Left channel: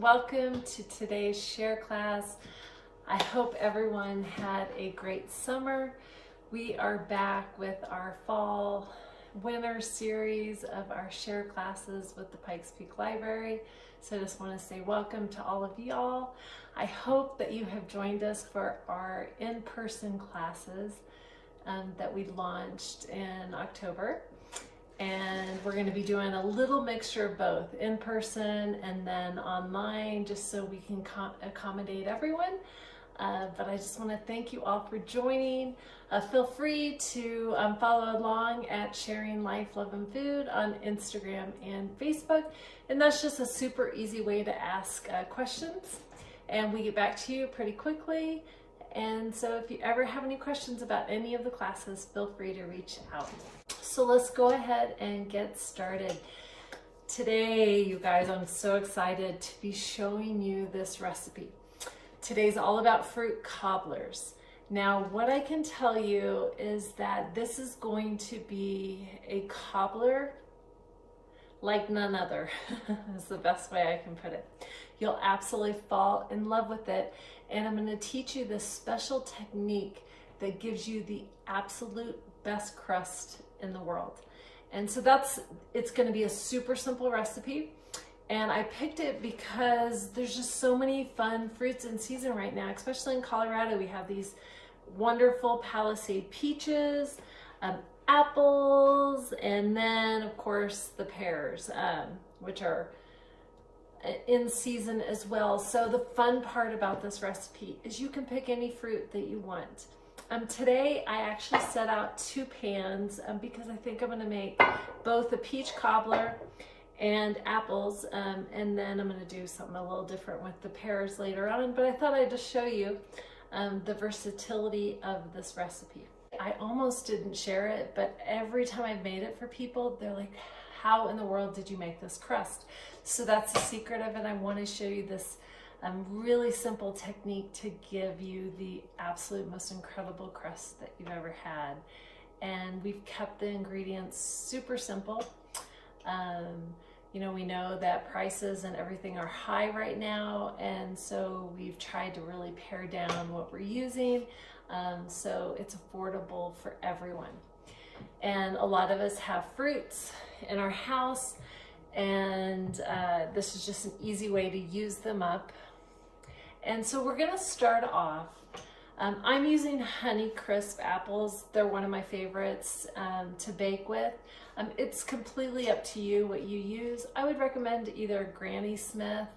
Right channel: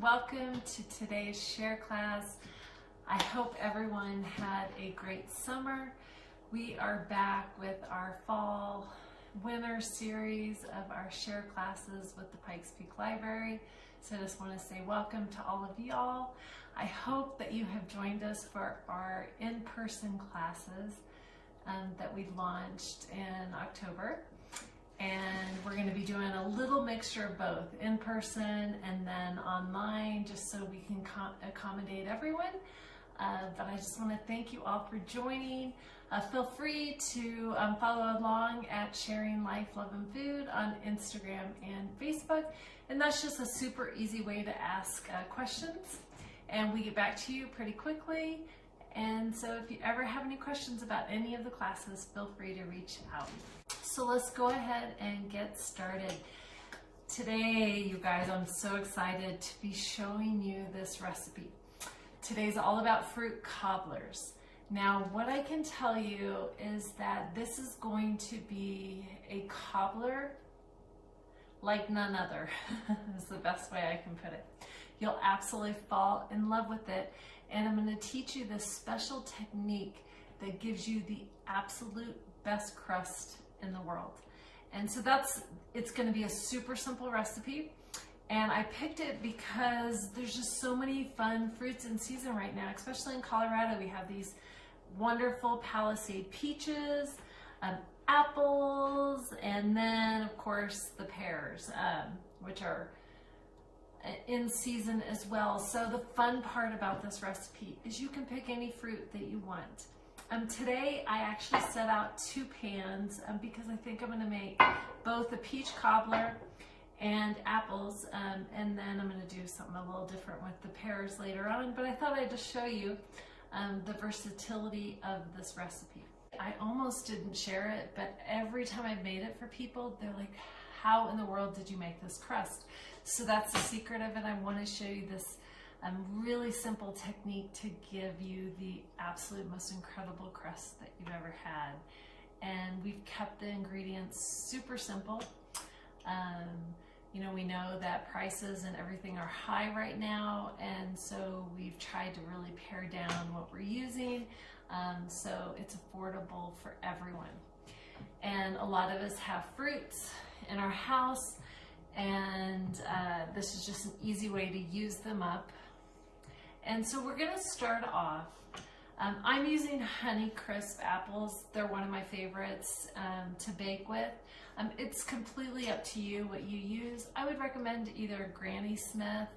Welcome to today's share class. I hope everyone had a great summer. We are back with our fall winter series of our share classes with the Pikes Peak Library. So I just want to say welcome to all of y'all. I hope that you have joined us for our in-person classes that we launched in October. And we're going to be doing a little mixture of both in person and then online, just so we can accommodate everyone. But I just want to thank you all for joining. Feel free to follow along at Sharing Life, Love, and Food on Instagram and Facebook. And that's just a super easy way to ask questions. And we get back to you pretty quickly. And so if you ever have any questions about any of the classes, feel free to reach out. So let's go ahead and get started. Today, you guys, I'm so excited to be showing you this recipe. Today's all about fruit cobblers. Now, what I can tell you is that this is going to be a cobbler like none other. Is the best way I can put it. You'll absolutely fall in love with it. And I'm going to teach you this special technique that gives you the absolute best crust in the world. And so it's going to be a super simple recipe. And I picked it because there's just so many fun fruits in season right now, especially in Colorado. We have these wonderful Palisade peaches, apples, and then of course the pears, which are in season as well. So the fun part about this recipe is you can pick any fruit that you want. Today I actually set out 2 pans because I think I'm going to make both a peach cobbler and apples, and then I'm going to do something a little different with the pears later on, but I thought I'd just show you the versatility of this recipe. I almost didn't share it, but every time I've made it for people, they're like, how in the world did you make this crust? So that's the secret of it. I want to show you this really simple technique to give you the absolute most incredible crust that you've ever had. And we've kept the ingredients super simple. You know, we know that prices and everything are high right now, and so we've tried to really pare down what we're using, so it's affordable for everyone. And a lot of us have fruits in our house, and this is just an easy way to use them up. And so we're gonna start off. I'm using Honey Crisp apples. They're one of my favorites to bake with. It's completely up to you what you use. I would recommend either Granny Smith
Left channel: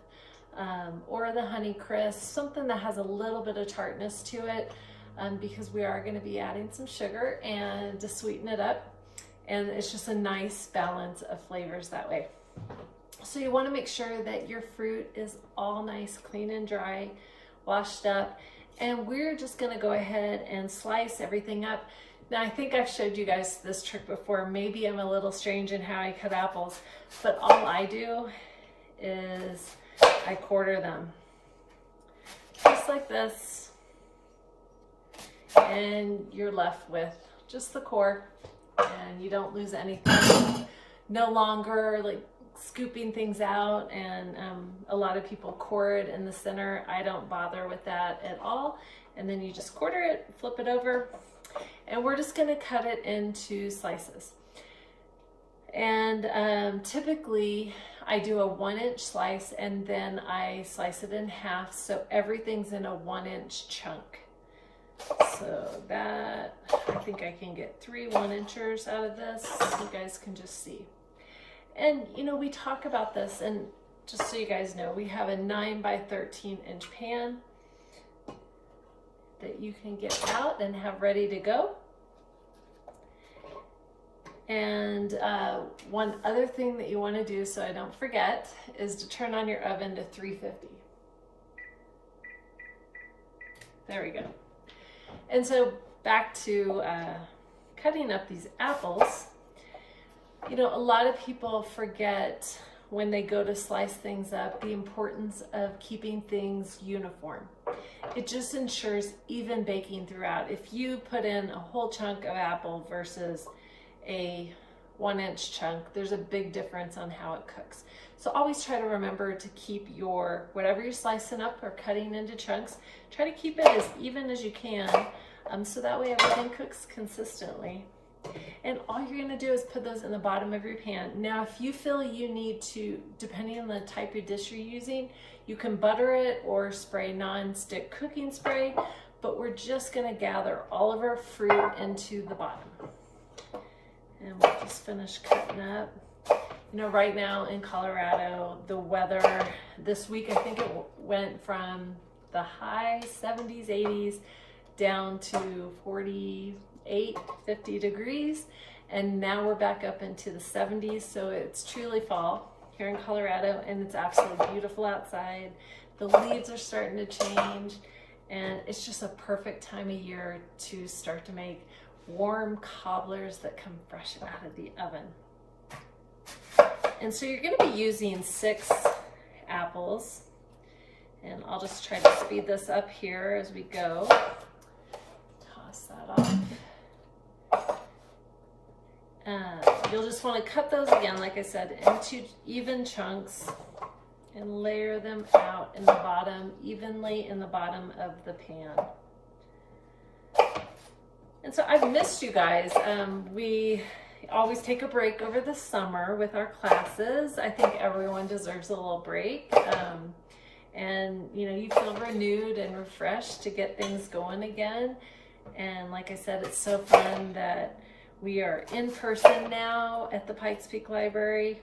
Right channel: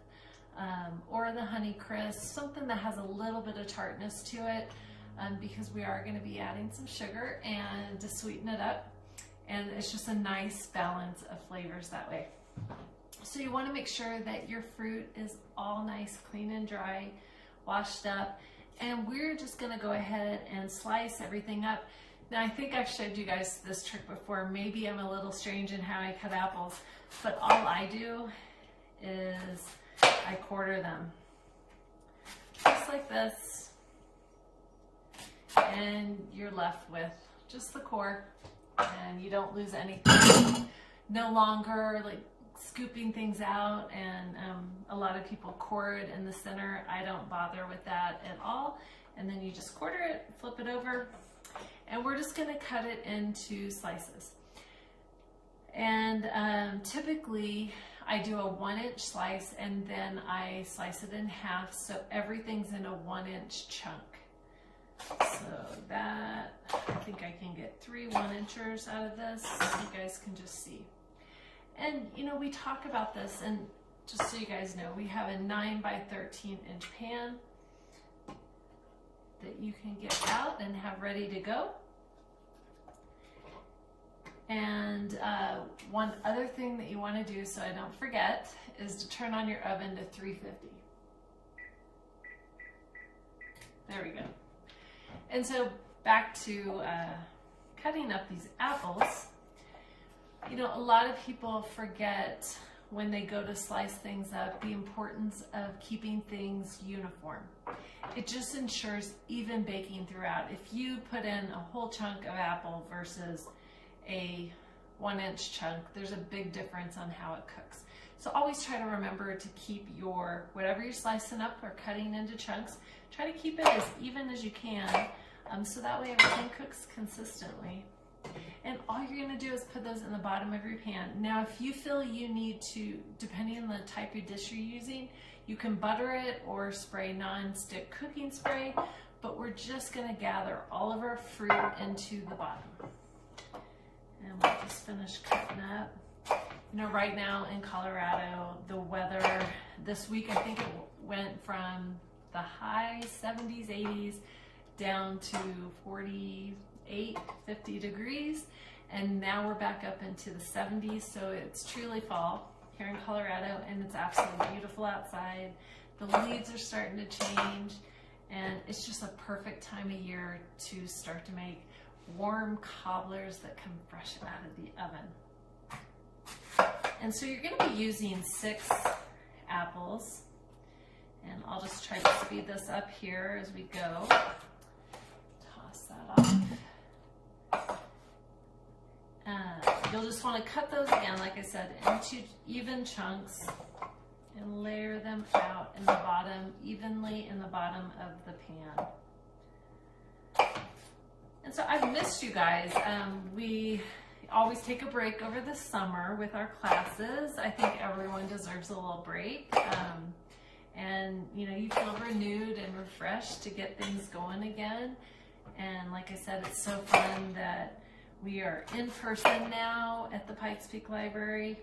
or the Honey Crisp, something that has a little bit of tartness to it, because we are gonna be adding some sugar and to sweeten it up. And it's just a nice balance of flavors that way. So you want to make sure that your fruit is all nice, clean and dry, washed up. And we're just going to go ahead and slice everything up. Now, I think I've showed you guys this trick before. Maybe I'm a little strange in how I cut apples, but all I do is I quarter them. Just like this. And you're left with just the core, and you don't lose anything. No longer like scooping things out, and a lot of people core it in the center. I don't bother with that at all. And then you just quarter it, flip it over, and we're just going to cut it into slices. And typically I do a 1-inch slice, and then I slice it in half so everything's in a 1-inch chunk. So that, I think I can get 3 1-inchers out of this. You guys can just see. And you know, we talk about this, and just so you guys know, we have a 9 by 13 inch pan that you can get out and have ready to go. And one other thing that you want to do, so I don't forget, is to turn on your oven to 350. There we go. And so back to cutting up these apples. You know, a lot of people forget when they go to slice things up the importance of keeping things uniform. It just ensures even baking throughout. If you put in a whole chunk of apple versus a 1-inch chunk, there's a big difference on how it cooks. So always try to remember to keep your, whatever you're slicing up or cutting into chunks, try to keep it as even as you can, so that way everything cooks consistently. And all you're gonna do is put those in the bottom of your pan. Now, if you feel you need to, depending on the type of dish you're using, you can butter it or spray non-stick cooking spray, but we're just gonna gather all of our fruit into the bottom. And we'll just finish cutting up. You know, right now in Colorado, the weather this week, I think it went from the high 70s, 80s down to 48, 50 degrees. And now we're back up into the 70s. So it's truly fall here in Colorado, and it's absolutely beautiful outside. The leaves are starting to change, and it's just a perfect time of year to start to make warm cobblers that come fresh out of the oven. And so you're going to be using 6 apples, and I'll just try to speed this up here as we go. Toss that off. You'll just want to cut those again, like I said, into even chunks and layer them out in the bottom, evenly in the bottom of the pan. And so I've missed you guys. We always take a break over the summer with our classes. I think everyone deserves a little break. And you know, you feel renewed and refreshed to get things going again. And like I said, it's so fun that we are in person now at the Pikes Peak Library.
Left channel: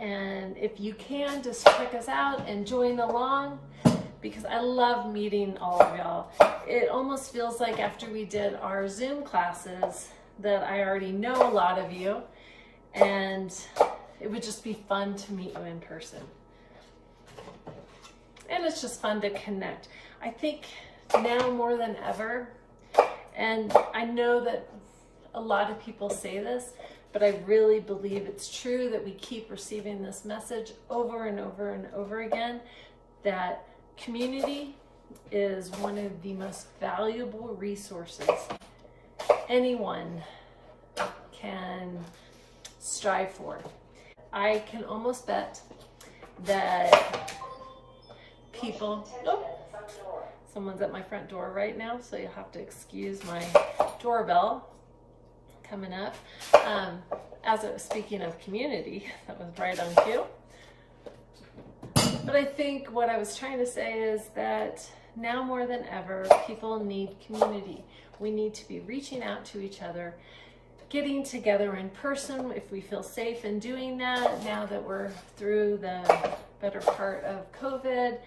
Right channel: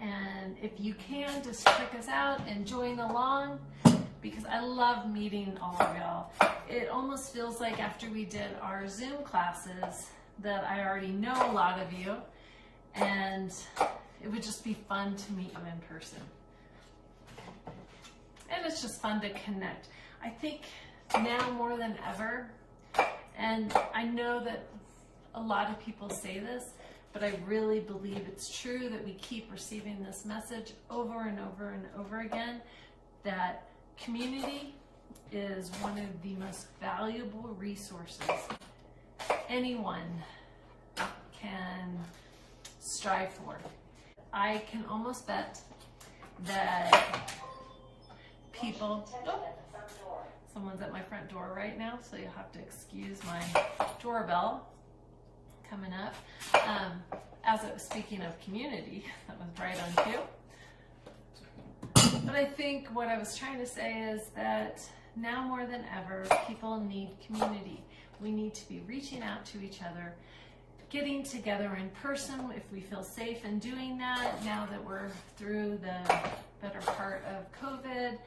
And if you can, just check us out and join along, because I love meeting all of y'all. It almost feels like after we did our Zoom classes that I already know a lot of you, and it would just be fun to meet you in person. And it's just fun to connect. I think now more than ever, and I know that a lot of people say this, but I really believe it's true that we keep receiving this message over and over and over again, that community is one of the most valuable resources anyone can strive for. I can almost bet that people, someone's at my front door right now, so you'll have to excuse my doorbell coming up. As it was speaking of community, that was right on cue. But I think what I was trying to say is that now more than ever, people need community. We need to be reaching out to each other, getting together in person if we feel safe in doing that now that we're through the better part of COVID,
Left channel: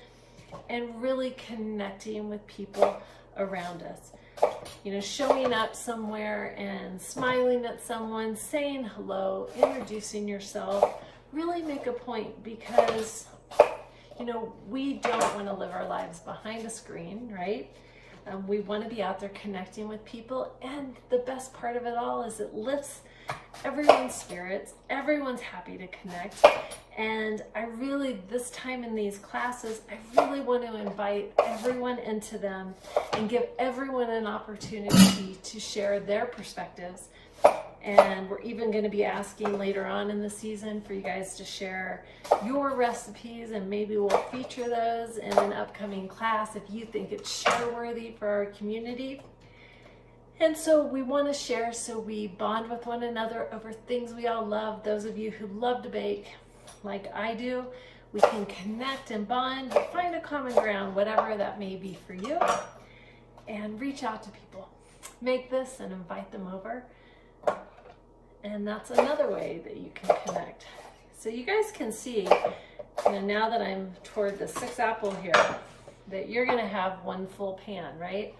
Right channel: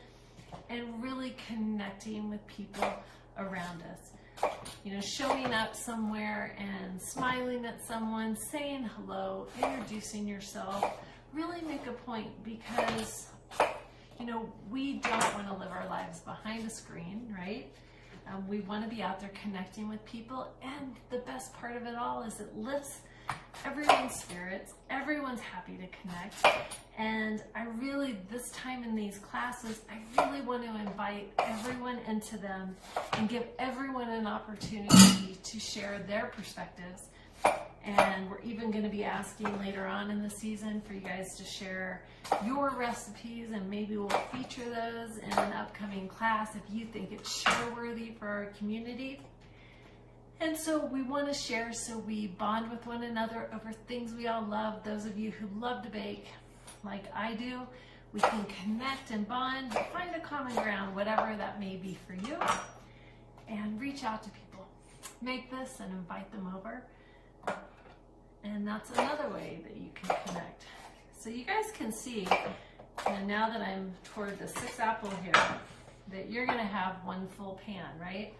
and really connecting with people around us. You know, showing up somewhere and smiling at someone, saying hello, introducing yourself, really make a point, because, you know, we don't want to live our lives behind a screen, right? We want to be out there connecting with people, and the best part of it all is it lifts everyone's spirits. Everyone's happy to connect, and I really, this time in these classes, I really want to invite everyone into them and give everyone an opportunity to share their perspectives. And we're even going to be asking later on in the season for you guys to share your recipes, and maybe we'll feature those in an upcoming class if you think it's share worthy for our community. And so we want to share, so we bond with one another over things we all love. Those of you who love to bake like I do, we can connect and bond, find a common ground, whatever that may be for you, and reach out to people. Make this and invite them over. And that's another way that you can connect. So you guys can see, you know, now that I'm toward the 6th apple here, that you're gonna have one full pan, right?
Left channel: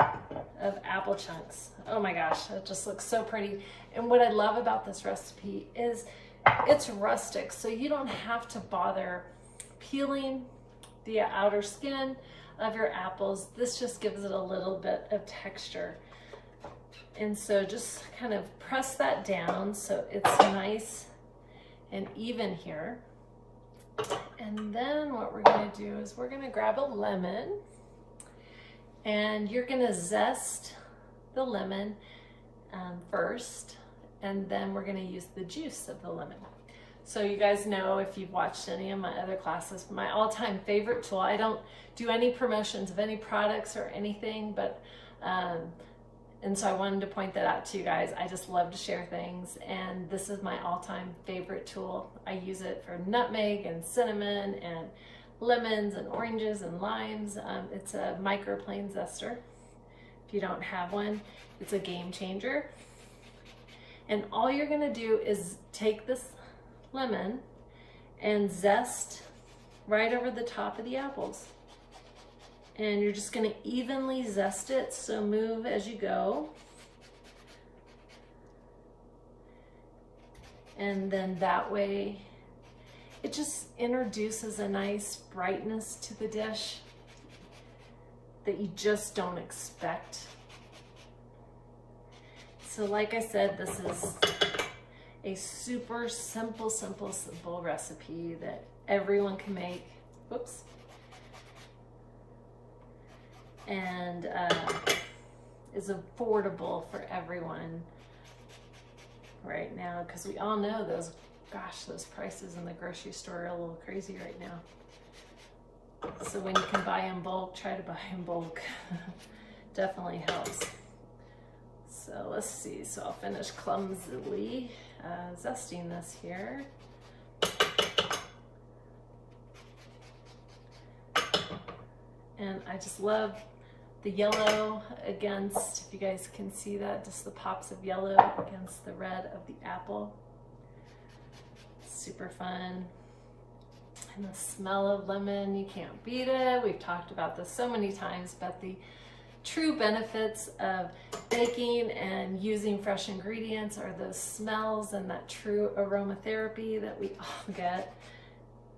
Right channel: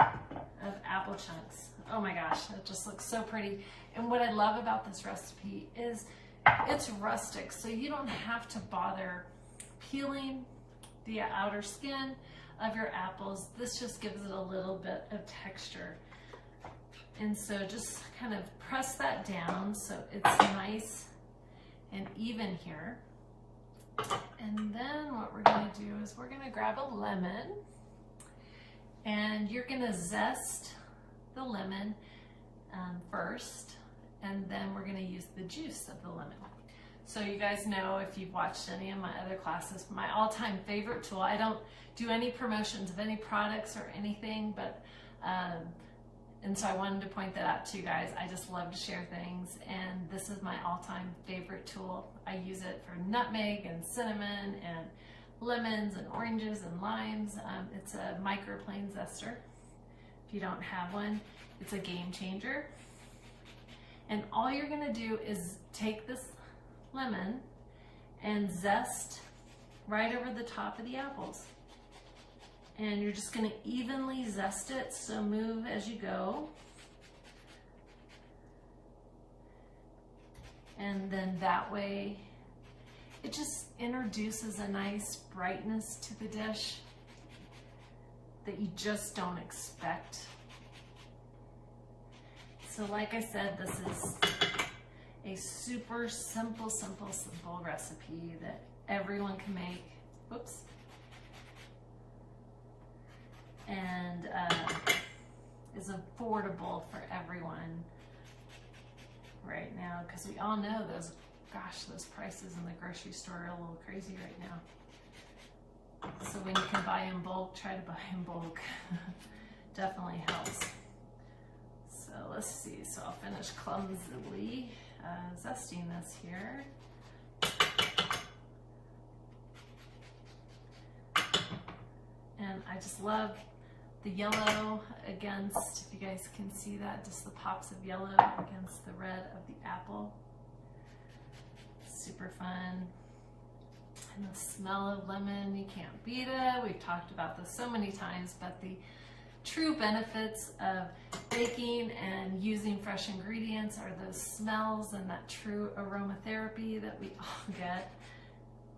Of apple chunks. Oh my gosh, that just looks so pretty. And what I love about this recipe is it's rustic, so you don't have to bother peeling the outer skin. of your apples. This just gives it a little bit of texture. And so just kind of press that down so it's nice and even here. And then what we're gonna do is we're gonna grab a lemon, and you're gonna zest the lemon first, and then we're gonna use the juice of the lemon. So you guys know, if you've watched any of my other classes, my all-time favorite tool, I don't do any promotions of any products or anything, but and so I wanted to point that out to you guys. I just love to share things, and this is my all-time favorite tool. I use it for nutmeg and cinnamon and lemons and oranges and limes. It's a microplane zester. If you don't have one, it's a game changer. And all you're gonna do is take this lemon and zest right over the top of the apples. And you're just gonna evenly zest it, so move as you go. And then that way, it just introduces a nice brightness to the dish that you just don't expect. So like I said, this is a super simple recipe that everyone can make. Whoops. And is affordable for everyone right now, because we all know those prices in the grocery store are a little crazy right now. So when you can buy in bulk, try to buy in bulk. Definitely helps. So let's see, so I'll finish clumsily zesting this here. And I just love the yellow against, if you guys can see that, just the pops of yellow against the red of the apple. Super fun. And the smell of lemon, you can't beat it. We've talked about this so many times, but the true benefits of baking and using fresh ingredients are those smells and that true aromatherapy that we all get.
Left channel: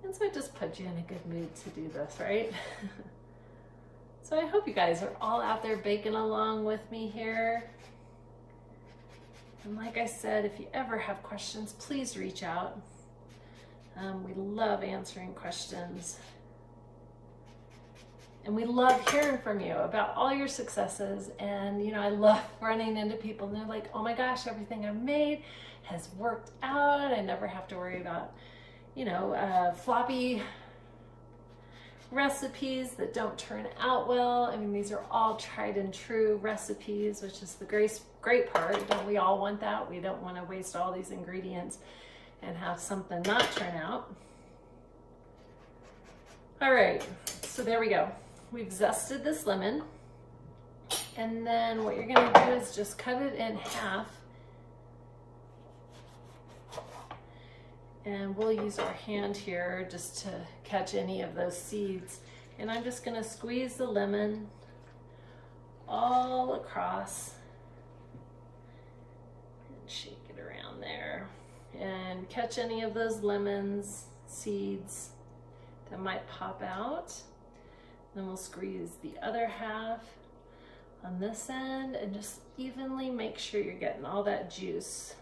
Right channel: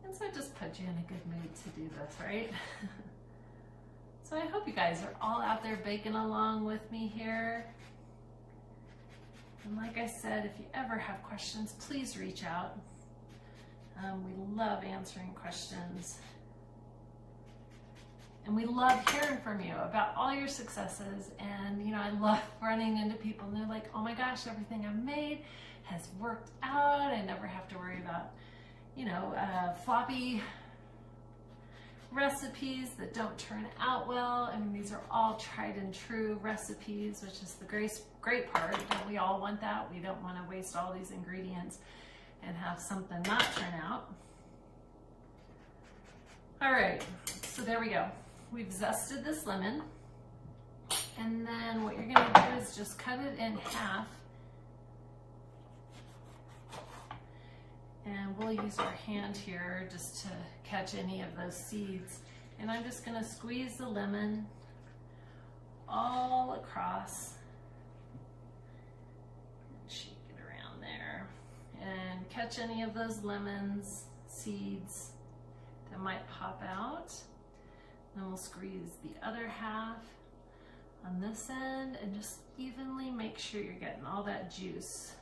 And so it just puts you in a good mood to do this, right? So I hope you guys are all out there baking along with me here. And like I said, if you ever have questions, please reach out. We love answering questions. And we love hearing from you about all your successes. And you know, I love running into people and they're like, oh my gosh, everything I've made has worked out. I never have to worry about, you know, floppy recipes that don't turn out well. I mean, these are all tried and true recipes, which is the great part. Don't we all want that? We don't want to waste all these ingredients and have something not turn out. All right, so there we go. We've zested this lemon, and then what you're gonna do is just cut it in half, and we'll use our hand here just to catch any of those seeds. And I'm just gonna squeeze the lemon all across and shake it around there and catch any of those lemons, seeds that might pop out. Then we'll squeeze the other half on this end and just evenly make sure you're getting all that juice.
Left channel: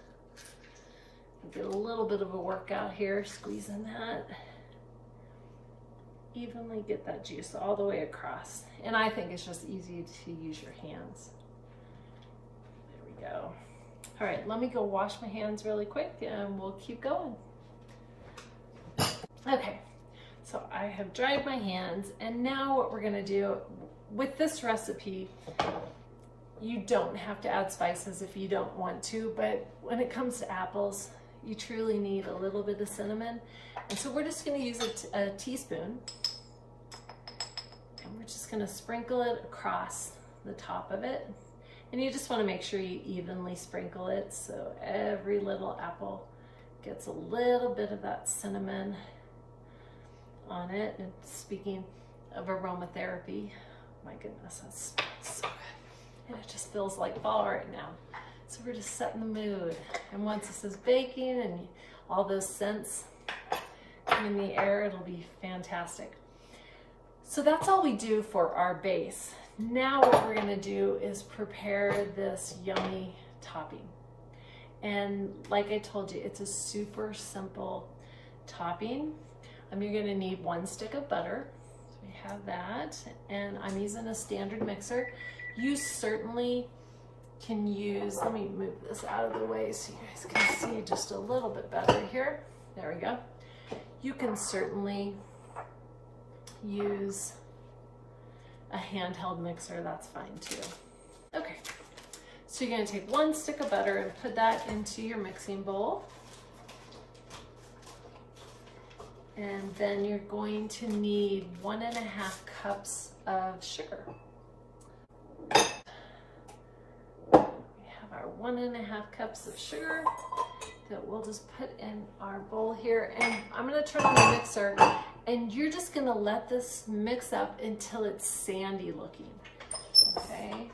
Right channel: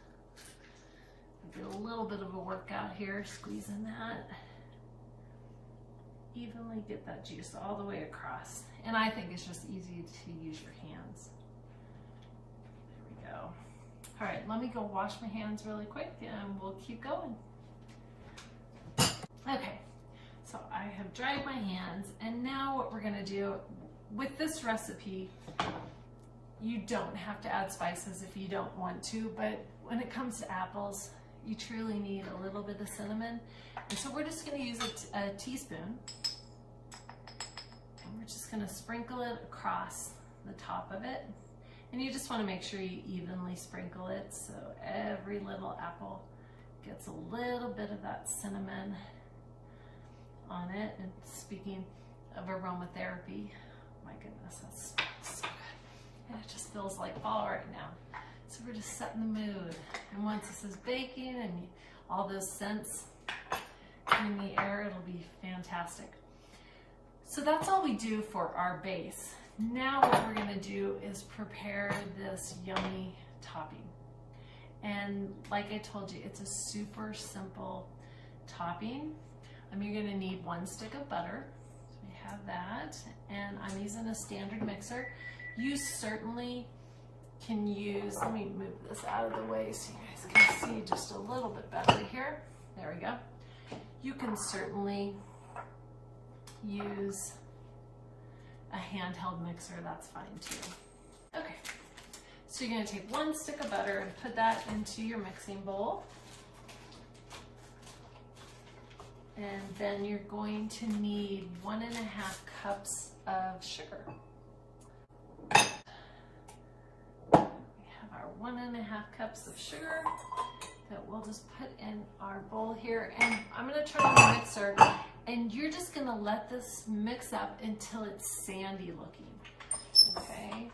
Get a little bit of a workout here, squeezing that. Evenly get that juice all the way across. And I think it's just easy to use your hands. There we go. All right, let me go wash my hands really quick and we'll keep going. Okay, so I have dried my hands, and now what we're gonna do with this recipe, you don't have to add spices if you don't want to, but when it comes to apples, you truly need a little bit of cinnamon. And so we're just gonna use a teaspoon, and we're just gonna sprinkle it across the top of it. And you just wanna make sure you evenly sprinkle it so every little apple gets a little bit of that cinnamon on it. And speaking of aromatherapy, my goodness, that smells so good. And it just feels like fall right now. So we're just setting the mood. And once this is baking and all those scents in the air, it'll be fantastic. So that's all we do for our base. Now what we're gonna do is prepare this yummy topping. And like I told you, it's a super simple topping. You're gonna need 1 stick of butter. So we have that, and I'm using a standard mixer. You certainly can use, let me move this out of the way so you guys can see just a little bit better here. There we go. You can certainly use a handheld mixer, that's fine too. Okay, so you're gonna take 1 stick of butter and put that into your mixing bowl. And then you're going to need 1.5 cups of sugar. We have our 1.5 cups of sugar that we'll just put in our bowl here. And I'm gonna turn on the mixer, and you're just gonna let this mix up until it's sandy looking, okay?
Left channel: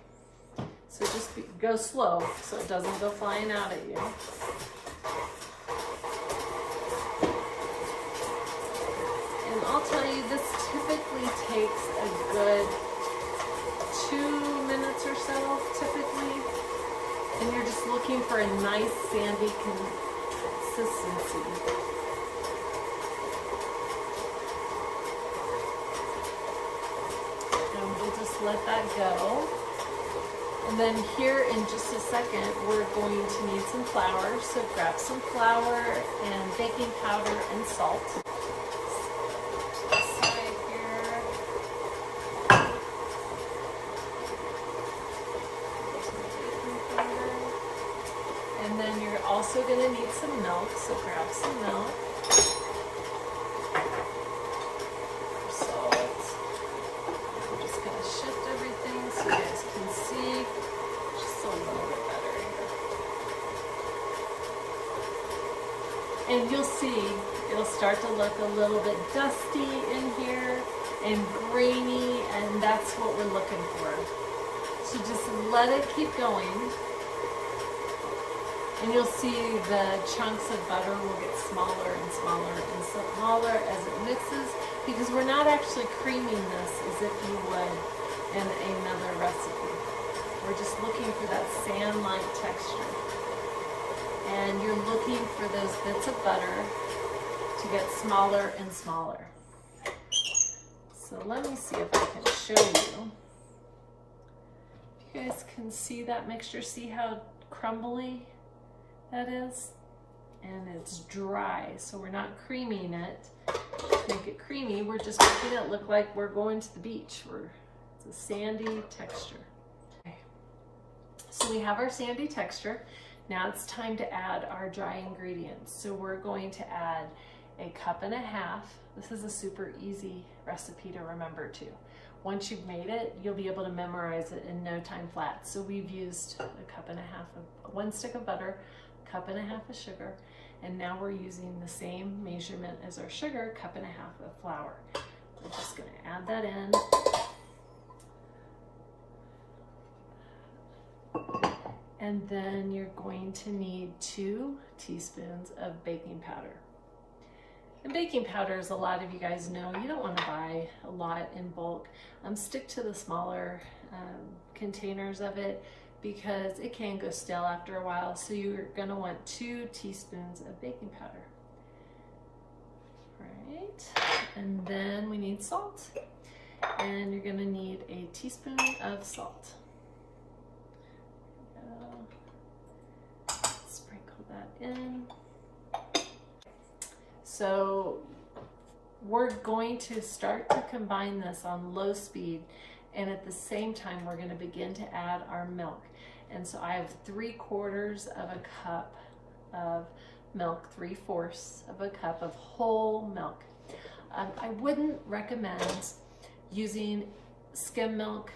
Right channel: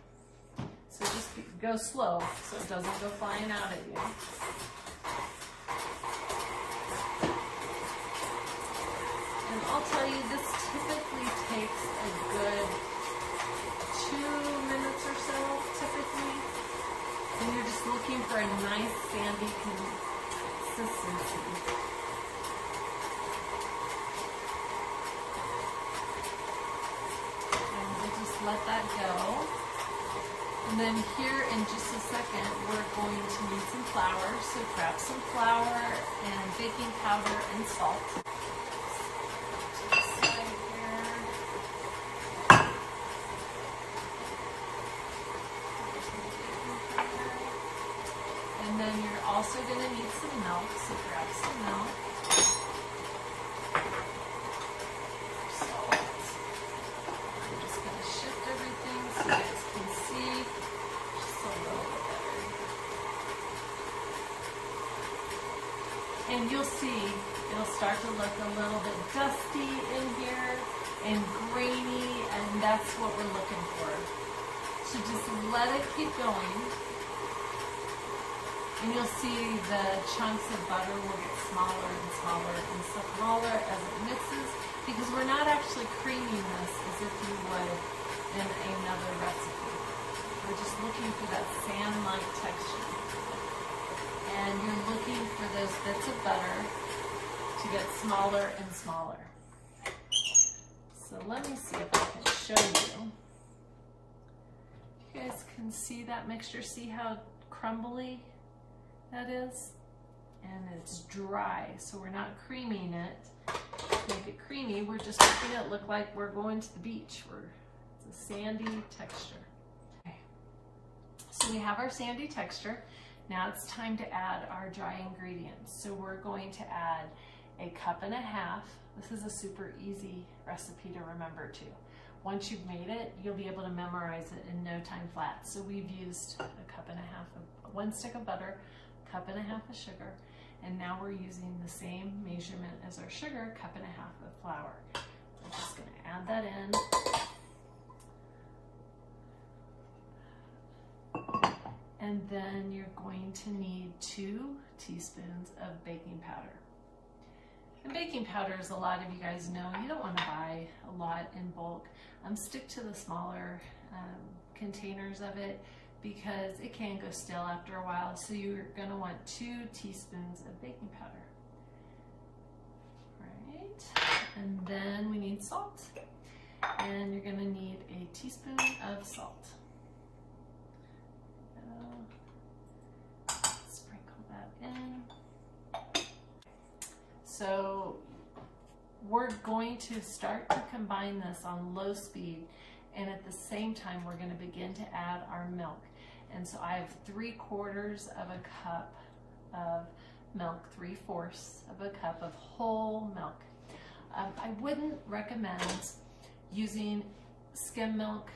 So just go slow so it doesn't go flying out at you. And I'll tell you, this typically takes a good 2 minutes or so, typically. And you're just looking for a nice sandy consistency. And we'll just let that go. And then here in just a second, we're going to need some flour. So grab some flour and baking powder and salt. And then you're also going to need some milk, so grab some milk. Salt. I'm just going to shift everything so you guys can see just a little bit better here. And you'll see it'll start to look a little bit dusty in here and grainy, and that's what we're looking for. So just let it keep going. And you'll see the chunks of butter will get smaller and smaller and smaller as it mixes, because we're not actually creaming this as if you would in another recipe. We're just looking for that sand-like texture. And you're looking for those bits of butter to get smaller and smaller. So let me see if I can show you. You guys can see that mixture, see how crumbly that is? And it's dry, so we're not creaming it. To make it creamy, we're just making it look like we're going to the beach. It's a sandy texture. Okay. So we have our sandy texture. Now it's time to add our dry ingredients. So we're going to add 1.5 cups. This is a super easy recipe to remember too. Once you've made it, you'll be able to memorize it in no time flat. So we've used 1.5 cups of 1 stick of butter, 1.5 cups of sugar, and now we're using the same measurement as our sugar, 1.5 cups of flour. We're just going to add that in. And then you're going to need 2 teaspoons of baking powder. And baking powder, as a lot of you guys know, you don't want to buy a lot in bulk. Stick to the smaller containers of it, because it can go stale after a while. So you're going to want 2 teaspoons of baking powder. Right. And then we need salt. And you're going to need a teaspoon of salt. Sprinkle that in. So we're going to start to combine this on low speed, and at the same time we're going to begin to add our milk. And so I have 3/4 of a cup of milk, 3/4 of a cup of whole milk. I wouldn't recommend using skim milk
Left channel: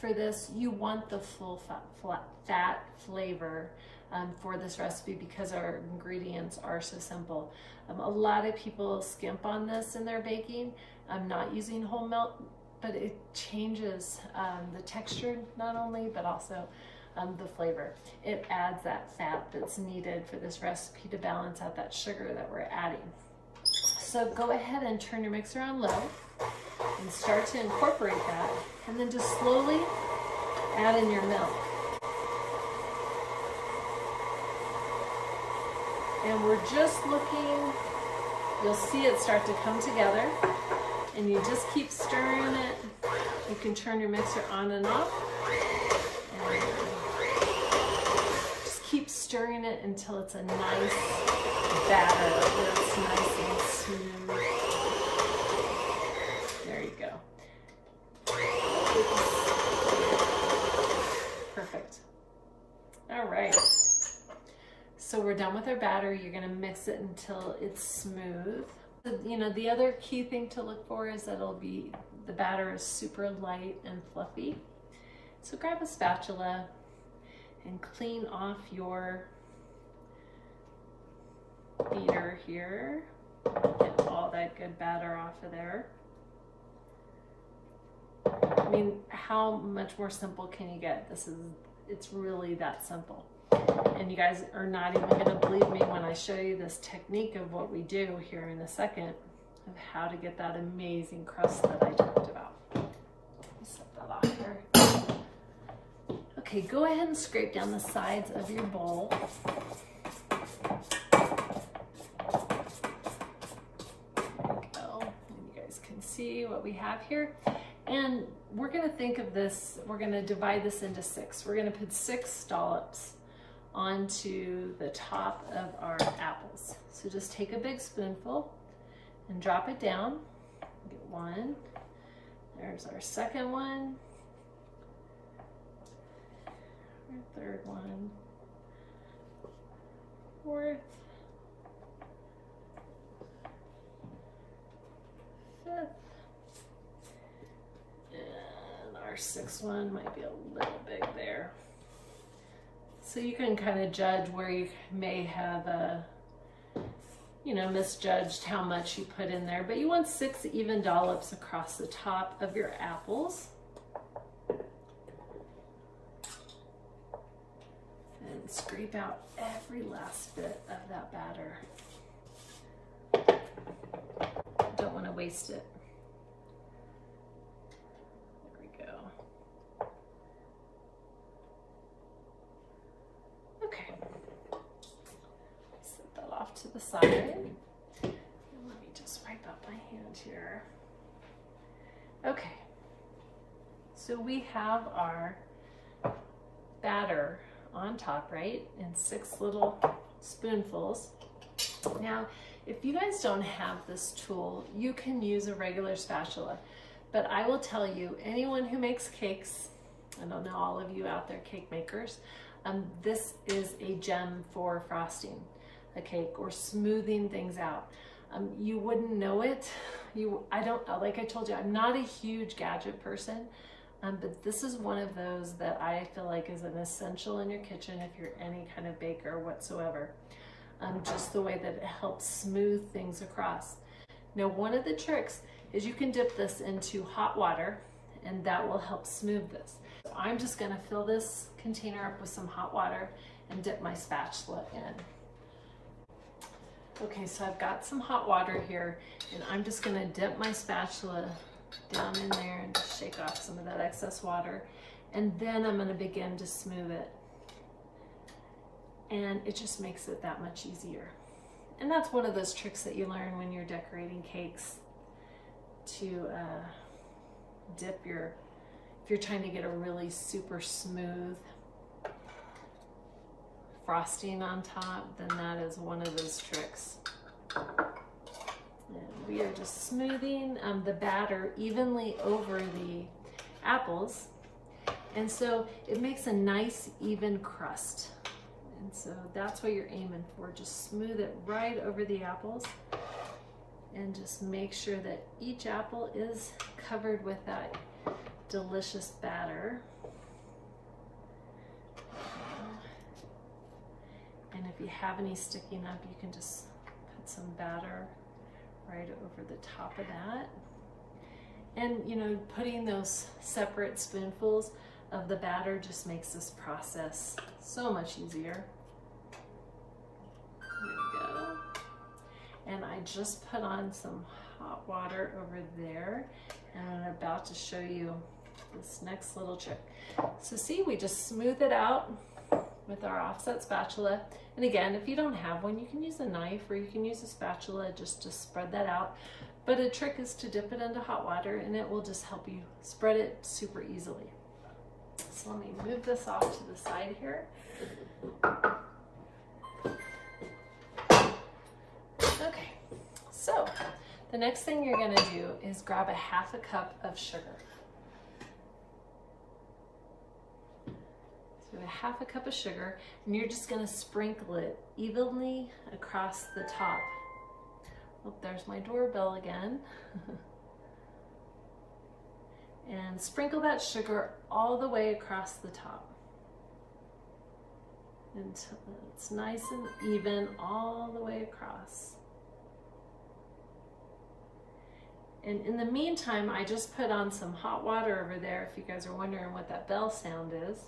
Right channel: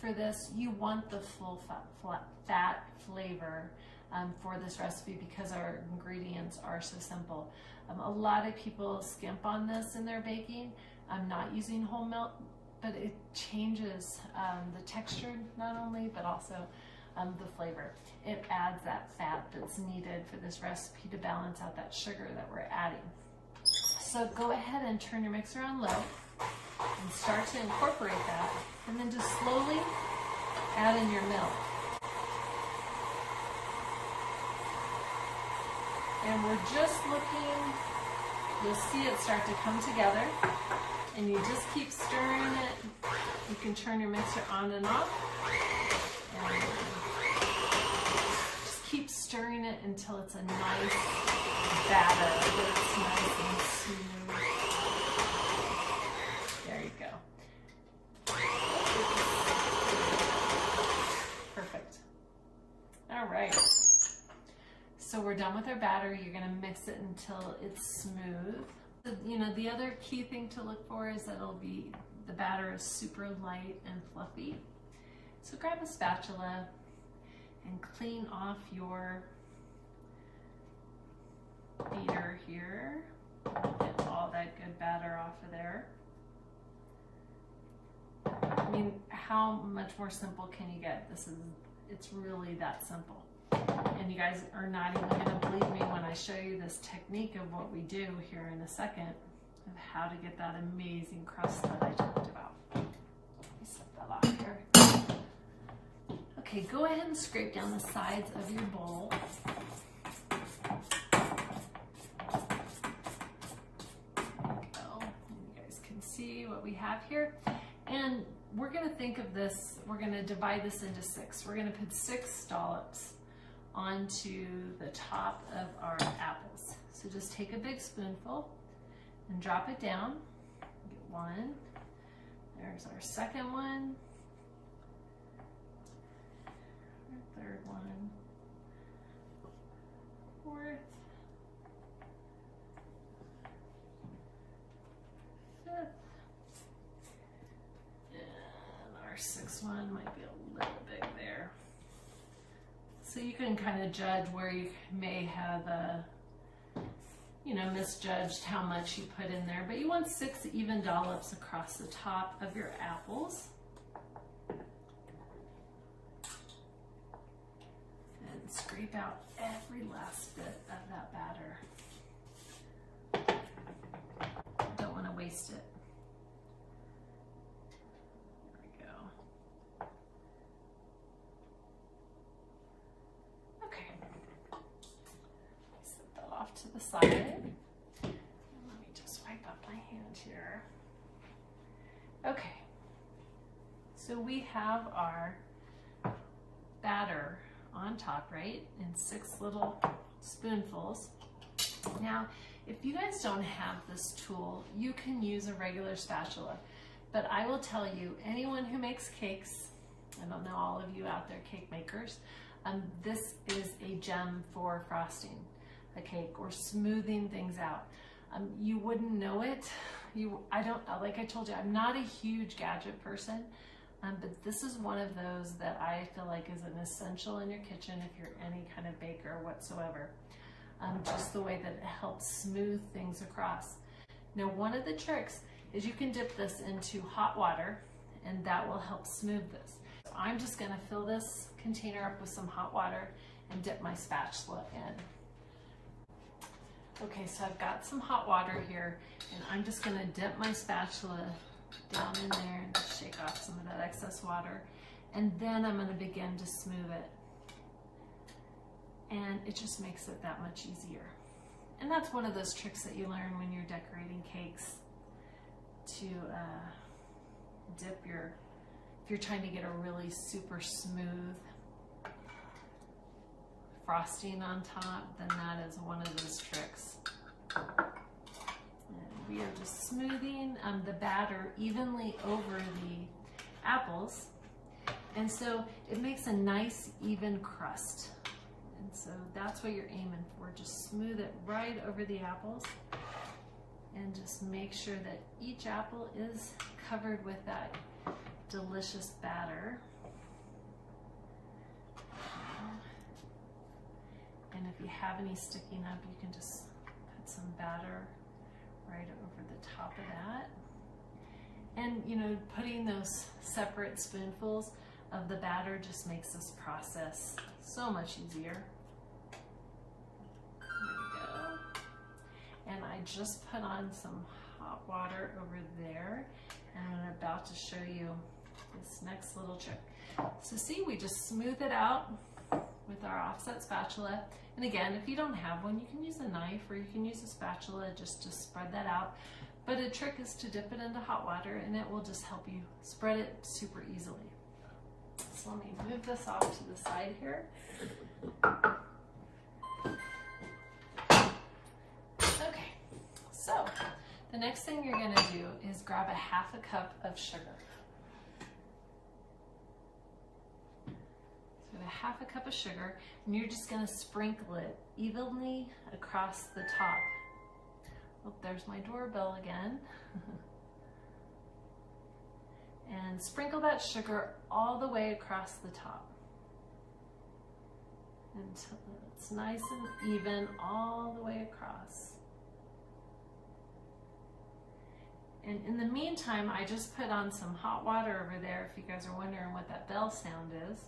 for this. You want the full fat flavor for this recipe, because our ingredients are so simple. A lot of people skimp on this in their baking. I'm not using whole milk, but it changes the texture not only, but also the flavor. It adds that fat that's needed for this recipe to balance out that sugar that we're adding. So go ahead and turn your mixer on low. And start to incorporate that. And then just slowly add in your milk. And we're just looking, you'll see it start to come together. And you just keep stirring it. You can turn your mixer on and off. And just keep stirring it until it's a nice batter that's nice and smooth. There you go. Perfect. All right. So we're done with our batter. You're going to mix it until it's smooth. You know, the other key thing to look for is that the batter is super light and fluffy. So grab a spatula and clean off your beater here. Get all that good batter off of there. I mean, how much more simple can you get? It's really that simple. And you guys are not even going to believe me when I show you this technique of what we do here in a second of how to get that amazing crust that I talked about. Let me set that off here. Okay, go ahead and scrape down the sides of your bowl. There we go. And you guys can see what we have here. And we're going to think of this, we're going to divide this into 6. We're going to put 6 dollops onto the top of our apples. So just take a big spoonful and drop it down. Get 1. There's our second one. Our third one. 4th. 5th. And our 6th one might be a little big there. So you can kind of judge where you may have, misjudged how much you put in there. But you want 6 even dollops across the top of your apples. And scrape out every last bit of that batter. Don't want to waste it. To the side. And let me just wipe out my hand here. Okay, so we have our batter on top, right? In 6 little spoonfuls. Now, if you guys don't have this tool, you can use a regular spatula. But I will tell you, anyone who makes cakes, I don't know all of you out there cake makers, this is a gem for frosting a cake or smoothing things out. You wouldn't know it. I don't know, like I told you, I'm not a huge gadget person, but this is one of those that I feel like is an essential in your kitchen if you're any kind of baker whatsoever. Just the way that it helps smooth things across. Now, one of the tricks is you can dip this into hot water and that will help smooth this. So I'm just gonna fill this container up with some hot water and dip my spatula in. Okay, so I've got some hot water here and I'm just gonna dip my spatula down in there and just shake off some of that excess water. And then I'm gonna begin to smooth it. And it just makes it that much easier. And that's one of those tricks that you learn when you're decorating cakes, to dip if you're trying to get a really super smooth frosting on top, then that is one of those tricks. And we are just smoothing the batter evenly over the apples. And so it makes a nice even crust. And so that's what you're aiming for. Just smooth it right over the apples and just make sure that each apple is covered with that delicious batter. And if you have any sticking up, you can just put some batter right over the top of that. And putting those separate spoonfuls of the batter just makes this process so much easier. There we go. And I just put on some hot water over there, and I'm about to show you this next little trick. So see, we just smooth it out with our offset spatula. And again, if you don't have one, you can use a knife or you can use a spatula just to spread that out. But a trick is to dip it into hot water and it will just help you spread it super easily. So let me move this off to the side here. Okay, so the next thing you're gonna do is grab a 1/2 cup of sugar. So 1/2 cup of sugar, and you're just gonna sprinkle it evenly across the top. Oh, there's my doorbell again. And sprinkle that sugar all the way across the top until it's nice and even all the way across. And in the meantime, I just put on some hot water over there if you guys are wondering what that bell sound is.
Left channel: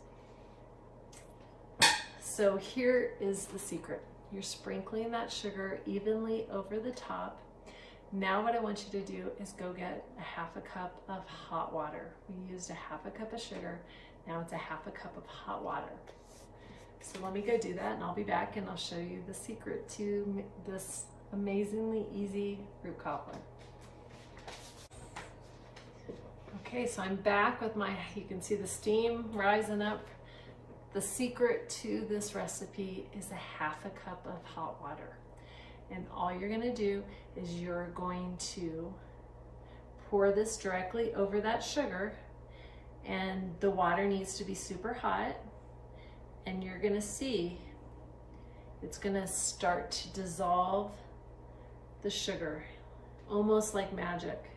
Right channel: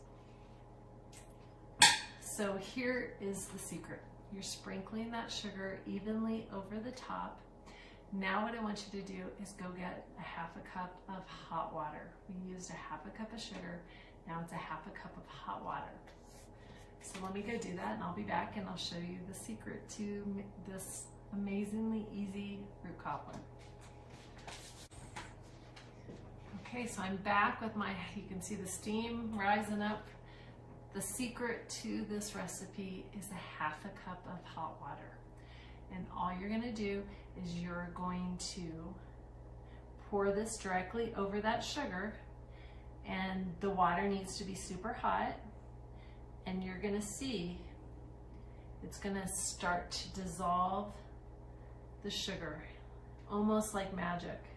So here is the secret. You're sprinkling that sugar evenly over the top. Now what I want you to do is go get a 1/2 cup of hot water. We used a 1/2 cup of sugar. Now it's a 1/2 cup of hot water. So let me go do that and I'll be back and I'll show you the secret to this amazingly easy fruit cobbler. Okay, so I'm back with you can see the steam rising up. The secret to this recipe is a 1/2 cup of hot water. And all you're gonna do is you're going to pour this directly over that sugar, and the water needs to be super hot, and you're gonna see it's gonna start to dissolve the sugar, almost like magic.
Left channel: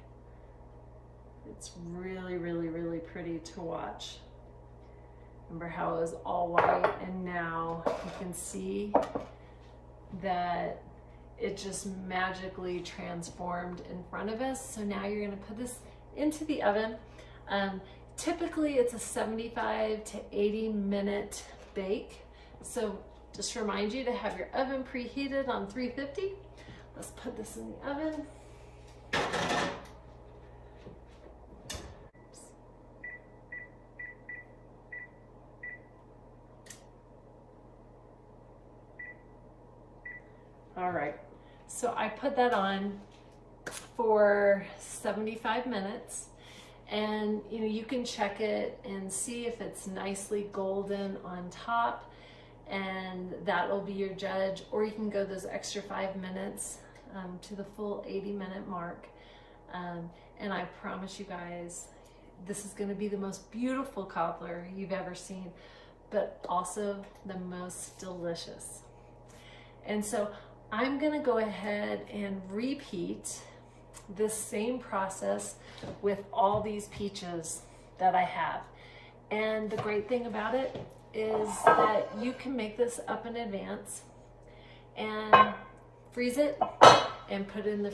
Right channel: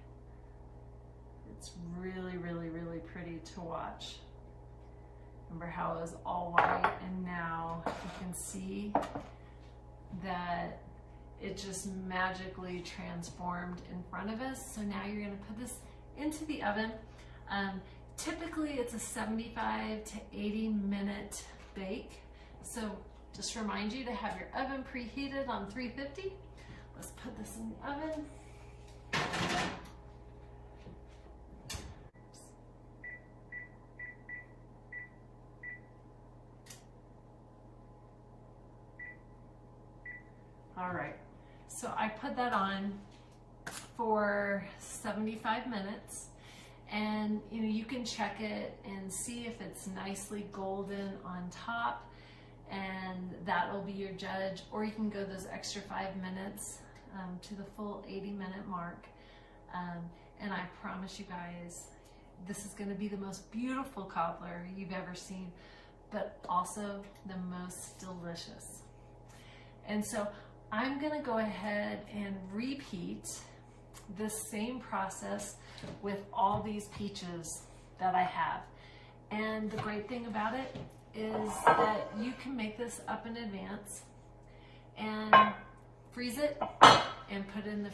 It's really, really, really pretty to watch. Remember how it was all white, and now you can see that it just magically transformed in front of us. So now you're gonna put this into the oven. Typically it's a 75 to 80 minute bake. So just remind you to have your oven preheated on 350. Let's put this in the oven. All right, so I put that on for 75 minutes, and you can check it and see if it's nicely golden on top, and that will be your judge. Or you can go those extra 5 minutes to the full 80-minute mark, and I promise you guys, this is going to be the most beautiful cobbler you've ever seen, but also the most delicious. And so I'm gonna go ahead and repeat this same process with all these peaches that I have. And the great thing about it is that you can make this up in advance and freeze it and put it in the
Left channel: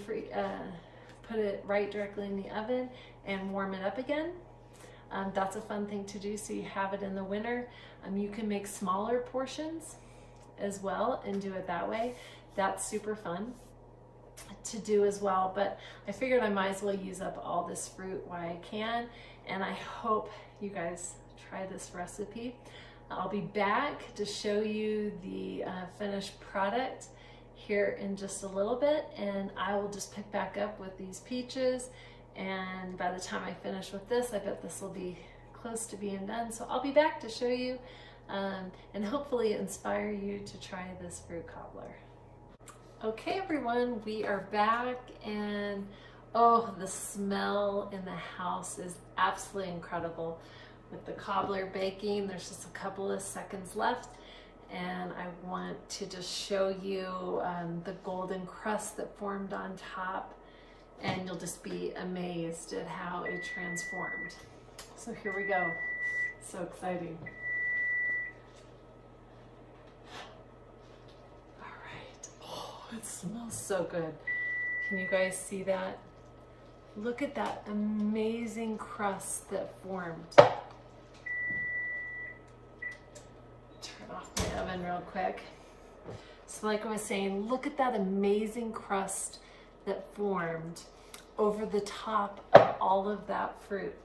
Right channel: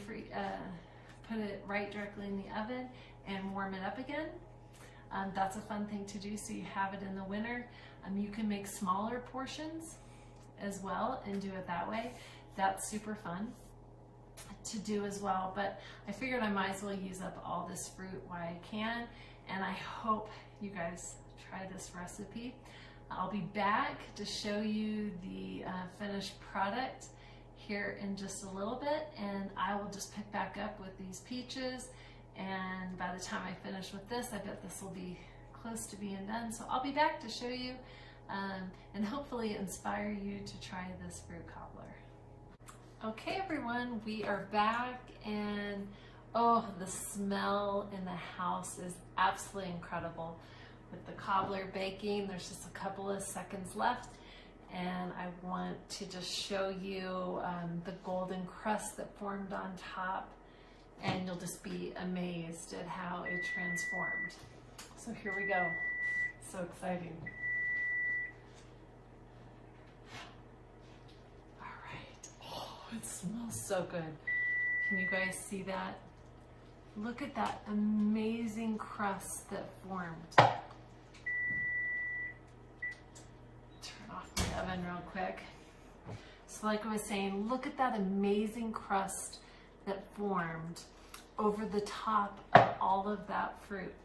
put it right directly in the oven and warm it up again. That's a fun thing to do, so you have it in the winter. You can make smaller portions as well and do it that way. That's super fun to do as well, but I figured I might as well use up all this fruit while I can, and I hope you guys try this recipe. I'll be back to show you the finished product here in just a little bit, and I will just pick back up with these peaches, and by the time I finish with this, I bet this will be close to being done. So I'll be back to show you and hopefully inspire you to try this fruit cobbler. Okay everyone, we are back, and oh, the smell in the house is absolutely incredible. With the cobbler baking, there's just a couple of seconds left, and I want to just show you the golden crust that formed on top, and you'll just be amazed at how it transformed. So here we go. So exciting. It smells so good. Can you guys see that? Look at that amazing crust that formed. Turn off my oven real quick. So like I was saying, look at that amazing crust that formed over the top of all of that fruit.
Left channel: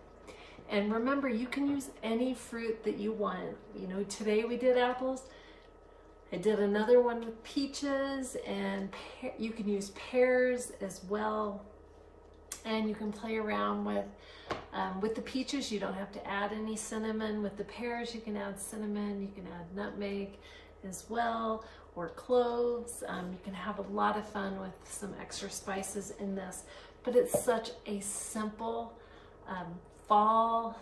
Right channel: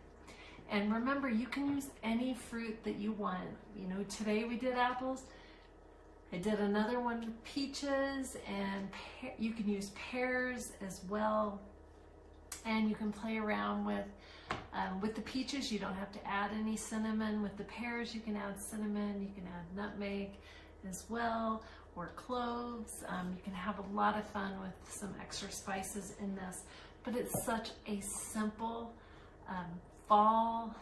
And remember, you can use any fruit that you want. You know, today we did apples. I did another one with peaches, and you can use pears as well. And you can play around with the peaches. You don't have to add any cinnamon. With the pears, you can add cinnamon. You can add nutmeg as well, or cloves. You can have a lot of fun with some extra spices in this. But it's such a simple fall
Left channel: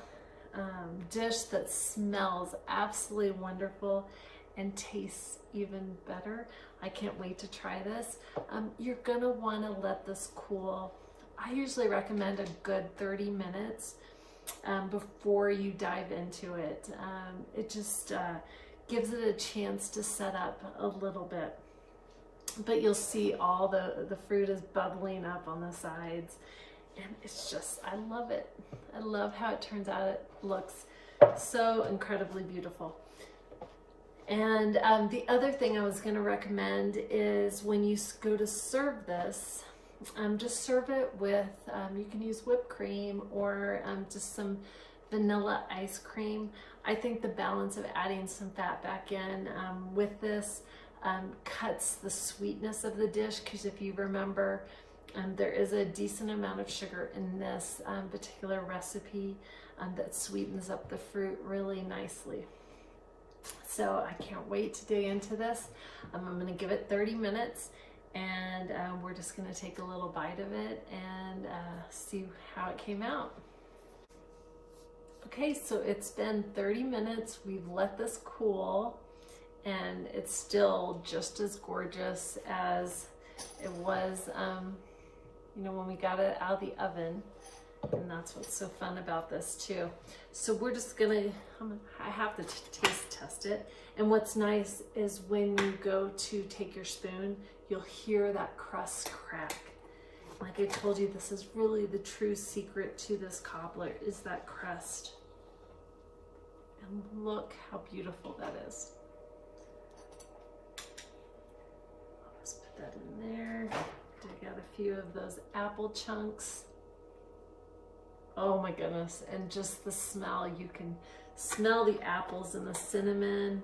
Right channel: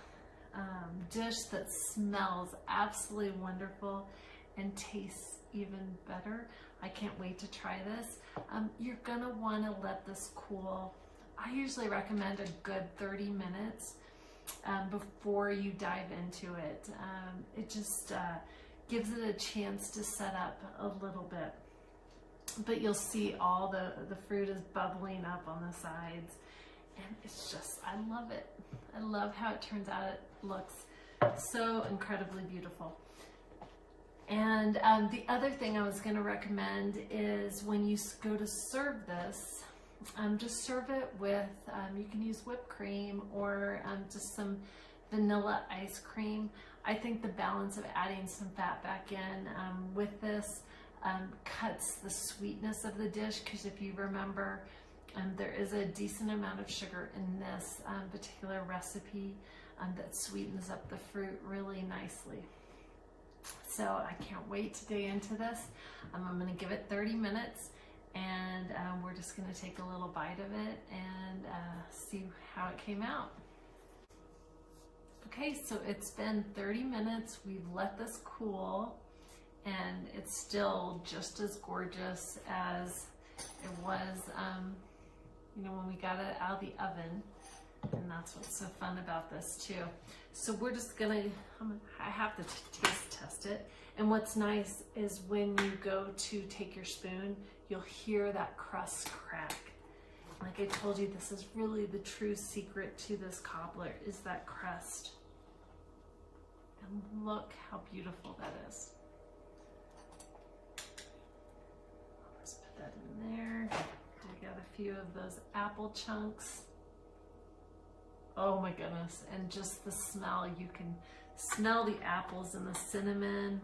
dish that smells absolutely wonderful and tastes even better. I can't wait to try this. You're gonna wanna let this cool. I usually recommend a good 30 minutes before you dive into it. It just gives it a chance to set up a little bit. But you'll see all the fruit is bubbling up on the sides. And it's just, I love it. I love how it turns out. It looks so incredibly beautiful. And the other thing I was going to recommend is when you go to serve this, just serve it with, you can use whipped cream or just some vanilla ice cream. I think the balance of adding some fat back in with this cuts the sweetness of the dish, because if you remember, there is a decent amount of sugar in this particular recipe that sweetens up the fruit really nicely. So I can't wait to dig into this. I'm going to give it 30 minutes, and we're just going to take a little bite of it and see how it came out. Okay, so it's been 30 minutes. We've let this cool, and it's still just as gorgeous as it was you know, when we got it out of the oven. And that's what's so fun about this too. So we're just gonna, I have to taste test it. And what's nice is when you go to take your spoon, you'll hear that crust crack. Like I told you, this is really the true secret to this cobbler, is that crust. And look how beautiful that is. I'll just put that in there. I got a few of those apple chunks. Oh my goodness, and just the smell, you can smell the apples and the cinnamon.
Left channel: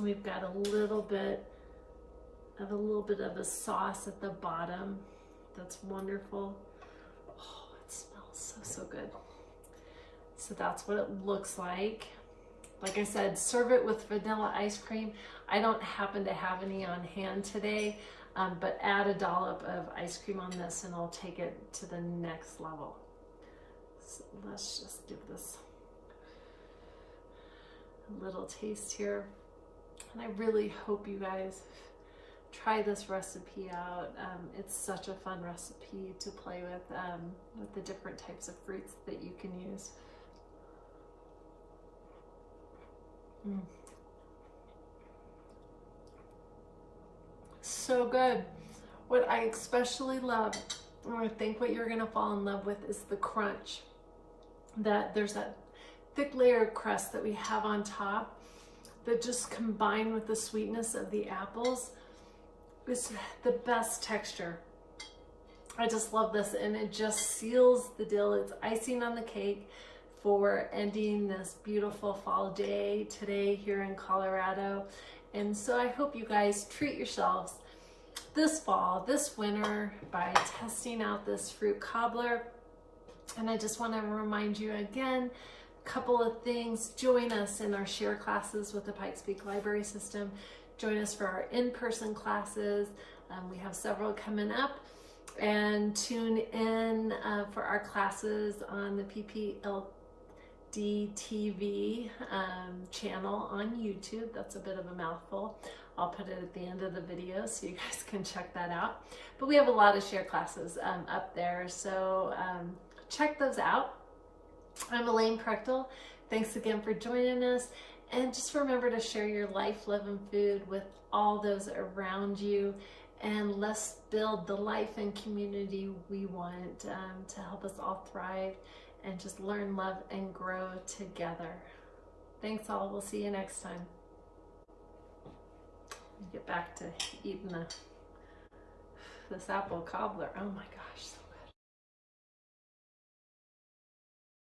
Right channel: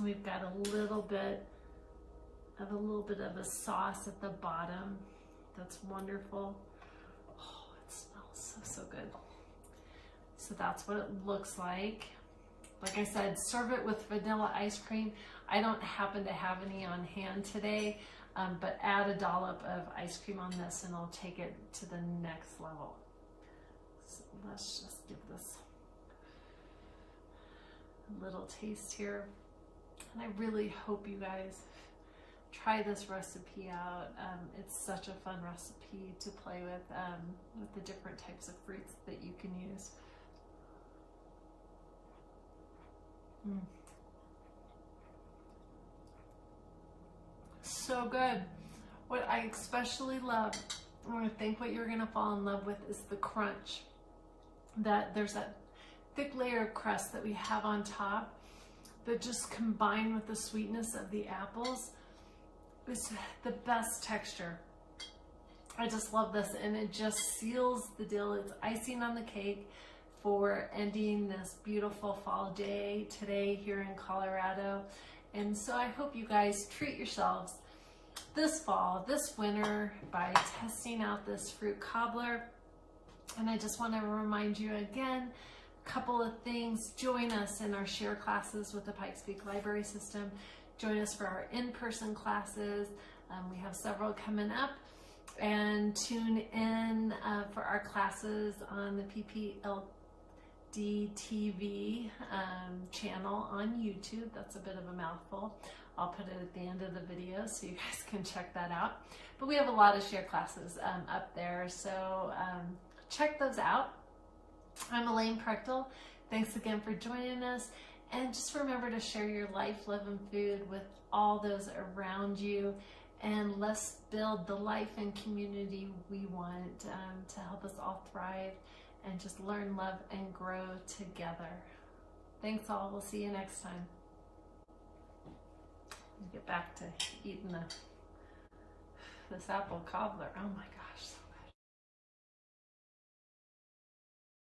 We've got a little bit of a sauce at the bottom. That's wonderful. Oh, it smells so good. So that's what it looks like. Like I said, serve it with vanilla ice cream. I don't happen to have any on hand today, but add a dollop of ice cream on this and I'll take it to the next level. So let's just give this a little taste here. And I really hope you guys try this recipe out. It's such a fun recipe to play with the different types of fruits that you can use. So good. What I especially love, or I think what you're gonna fall in love with, is the crunch. There's that thick layer of crust that we have on top that just combined with the sweetness of the apples is the best texture. I just love this, and it just seals the deal. It's icing on the cake for ending this beautiful fall day today here in Colorado. And so I hope you guys treat yourselves this fall, this winter, by testing out this fruit cobbler. And I just want to remind you again, a couple of things. Join us in our share classes with the Pikes Peak Library System. Join us for our in-person classes. We have several coming up. And tune in for our classes on the PPLD TV channel on YouTube. That's a bit of a mouthful. I'll put it at the end of the video so you guys can check that out. But we have a lot of share classes up there, so check those out. I'm Elayne Prechtel. Thanks again for joining us. And just remember to share your life, love, and food with all those around you. And let's build the life and community we want to help us all thrive and just learn, love, and grow together. Thanks all. We'll see you next time. Get back to eating this apple cobbler. Oh my God.